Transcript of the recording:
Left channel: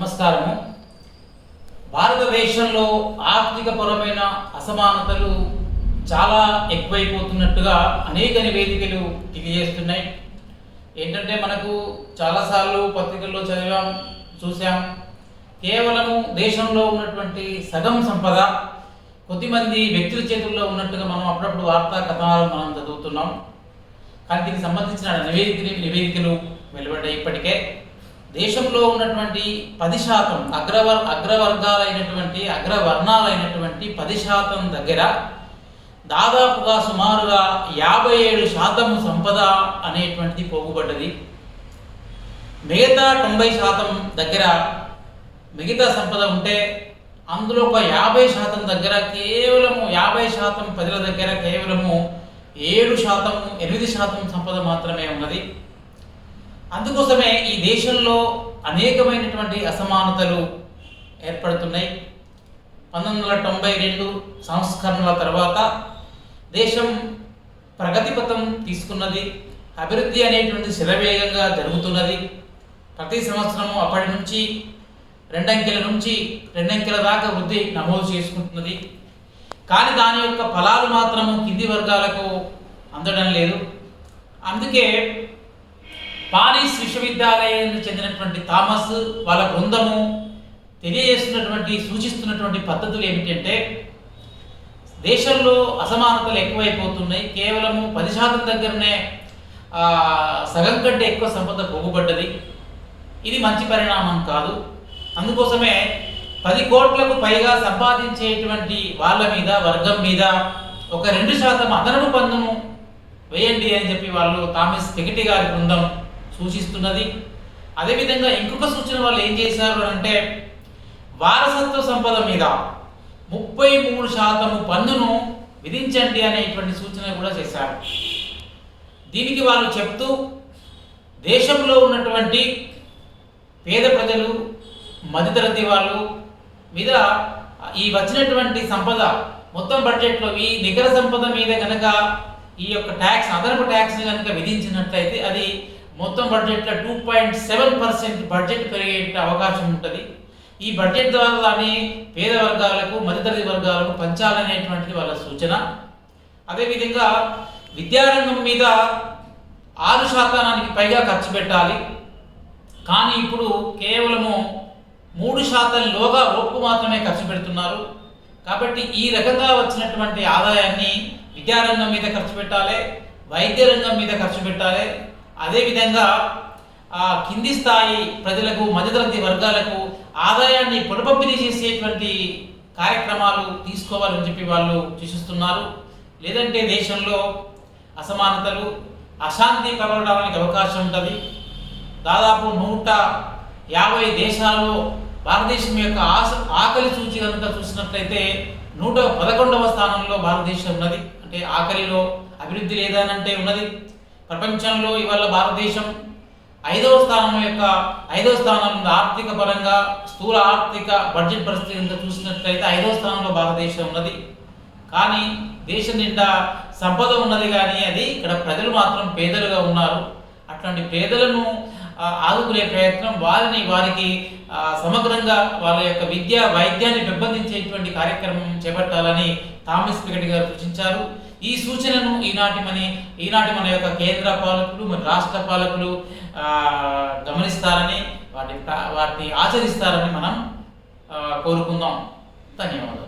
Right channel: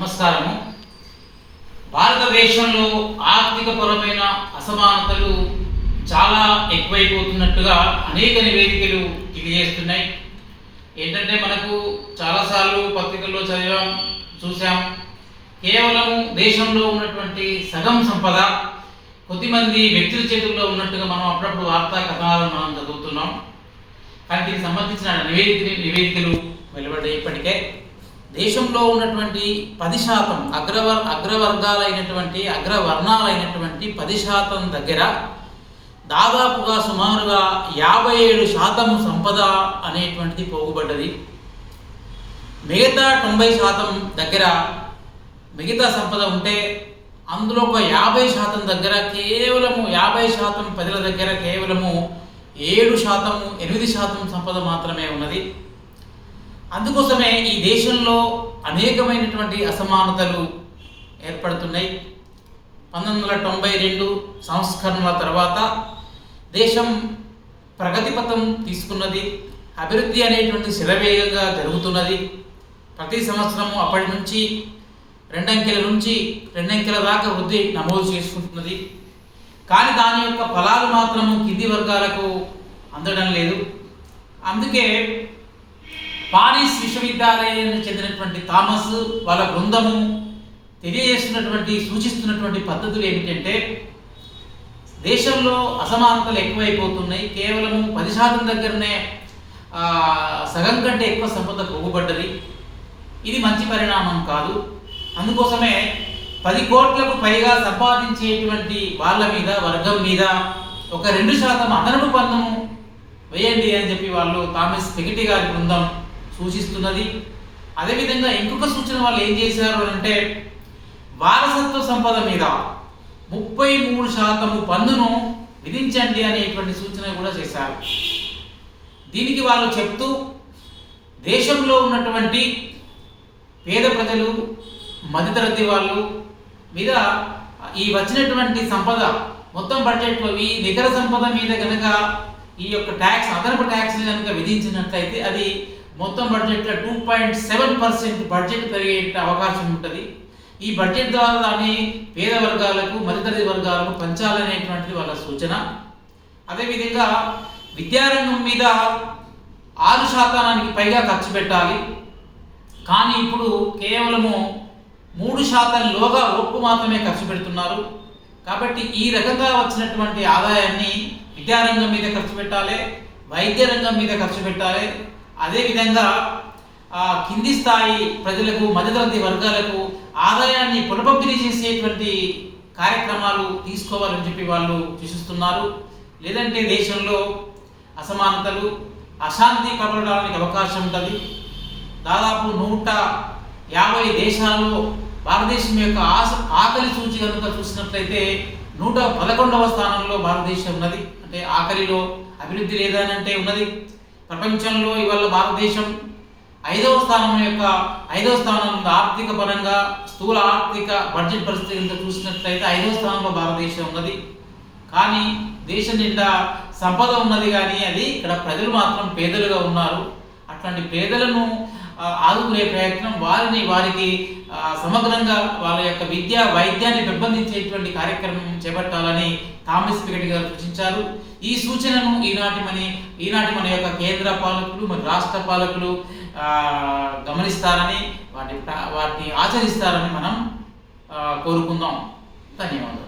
నమస్కారము. భారతదేశంలో ఆర్థికపరమైన అసమానతలు చాలా ఎక్కువైపోతున్నట్టుగా అనేక నివేదికలు తెలియజేస్తున్నాయి. ఏంటంటే మనకు చాలాసార్లు పత్రికల్లో చదివాం చూసాం కేవలము దేశంలో ఉన్నటువంటి సగం సంపద కొద్దిమంది వ్యక్తుల చేతుల్లో ఉన్నట్టుగా మనం అప్పుడప్పుడు వార్తా కథనాలను మనం చదువుతున్నాం. కానీ దీనికి సంబంధించిన నివేదిక నివేదికలు వెలువడ్డాయి ఇప్పటికే. దేశంలో ఉన్నటువంటి పది శాతం అగ్రవర్ అగ్రవర్గాలైనటువంటి అగ్రవర్ణాలైనటువంటి పది శాతం దగ్గర దాదాపుగా సుమారుగా యాభై ఏడు శాతం సంపద అనేటువంటిది పోగుబడ్డది. మిగతా తొంభై శాతం దగ్గర మిగతా సంపద ఉంటే అందులో ఒక యాభై శాతం దగ్గర కేవలము యాభై శాతం ప్రజల దగ్గర కేవలము ఏడు శాతము ఎనిమిది శాతం సంపద మాత్రమే ఉన్నది. అందుకోసమే ఈ దేశంలో అనేకమైనటువంటి అసమానతలు ఏర్పడుతున్నాయి. పంతొమ్మిది వందల తొంభై రెండు సంస్కరణల తర్వాత దేశం ప్రగతిపథం తీసుకున్నది అభివృద్ధి అనేటువంటి శిరవేగంగా జరుగుతున్నది. ప్రతి సంవత్సరము అప్పటి నుంచి రెండంకెల నుంచి రెండంకెల దాకా వృద్ధి నమోదు చేసుకుంటున్నది. కానీ దాని యొక్క ఫలాలు మాత్రము కింది వర్గాలకు అందడం లేదు. అందుకే పారిస్ విశ్వవిద్యాలయానికి చెందినటువంటి థామస్ వాళ్ళ బృందము తెలియజేస్తున్నటువంటి సూచిస్తున్నటువంటి పద్ధతులు ఏమిటంటే దేశంలో అసమానతలు ఎక్కువైపోతున్నాయి. కేవలం పది శాతం దగ్గరనే సగం కంటే ఎక్కువ సంపద పోగుబడ్డది. ఇది మంచి పరిణామం కాదు. అందుకోసమే పది కోట్లకు పైగా సంపాదించేటువంటి వాళ్ళ మీద వర్గం మీద ఒక రెండు శాతం అదనపు పన్నును వేయండి అని చెప్పి వాళ్ళు థామస్ పెగిటి గారి బృందం సూచిస్తున్నది. అదేవిధంగా ఇంకొక సూచన వాళ్ళు ఏం చేశారు అంటే వారసత్వ సంపద మీద ముప్పై మూడు శాతము పన్నును విధించండి అనేటువంటి సూచన కూడా చేశారు. దీనికి వాళ్ళు చెప్తూ దేశంలో ఉన్నటువంటి పేద ప్రజలు మధ్యతరగతి వాళ్ళు మీద ఈ వచ్చినటువంటి సంపద మొత్తం బడ్జెట్లో ఈ నికర సంపద మీద కనుక ఈ యొక్క ట్యాక్స్ అదనపు ట్యాక్స్ని కనుక విధించినట్లయితే అది మొత్తం బడ్జెట్లో two point seven percent budget పెరిగే అవకాశం ఉంటుంది. ఈ బడ్జెట్ ద్వారా దాన్ని పేద వర్గాలకు మధ్యతరగతి వర్గాలకు పంచాలనేటువంటిది వాళ్ళ సూచన. అదేవిధంగా విద్యారంగం మీద ఆరు శాతానికి పైగా ఖర్చు పెట్టాలి. కానీ ఇప్పుడు కేవలము మూడు శాతం లోగా ఒప్పు మాత్రమే ఖర్చు పెడుతున్నారు. కాబట్టి ఈ రకంగా వచ్చినటువంటి ఆదాయాన్ని విద్యారంగం మీద ఖర్చు పెట్టాలి వైద్య రంగం మీద ఖర్చు పెట్టాలి అదేవిధంగా కింది స్థాయి ప్రజలకు మధ్యతరగతి వర్గాలకు ఆదాయాన్ని పునఃపంపిణీ చేసేటువంటి కార్యక్రమాలు తీసుకోవాలని చెప్పి వాళ్ళు సూచిస్తున్నారు. లేదంటే దేశంలో అసమానతలు అశాంతి ప్రబలడానికి అవకాశం ఉంటుంది. దాదాపు నూట యాభై దేశాల్లో భారతదేశం యొక్క ఆశ ఆకలి సూచి కనుక చూసినట్లయితే నూట పదకొండవ స్థానంలో భారతదేశం ఉన్నది. అంటే ఆకలిలో అభివృద్ధి లేదనంటే ఉన్నది. ప్రపంచంలో ఇవాళ భారతదేశం ఐదవ స్థానం యొక్క ఐదవ స్థానం ఉంది. ఆర్థిక పరంగా స్థూల ఆర్థిక బడ్జెట్ పరిస్థితి చూసినట్లయితే ఐదవ స్థానంలో భారతదేశం ఉన్నది. కానీ దేశం నిండా సంపద ఉన్నది కానీ అది ఇక్కడ ప్రజలు మాత్రం పేదలుగా ఉన్నారు. అట్లాంటి పేదలను ఆదుకునే ప్రయత్నం వారిని వారికి సమగ్రంగా వాళ్ళ యొక్క విద్య వైద్యాన్ని పెంపొందించేటువంటి కార్యక్రమం చేపట్టాలని థామస్ పిగటి గారు సూచించారు. ఈ సూచనను ఈనాటి మన ఈనాటి మన యొక్క కేంద్ర పాలకులు మరి రాష్ట్ర పాలకులు గమనిస్తారని వాటి వాటిని ఆచరిస్తారని మనం కోరుకుందాం. ధన్యవాదాలు.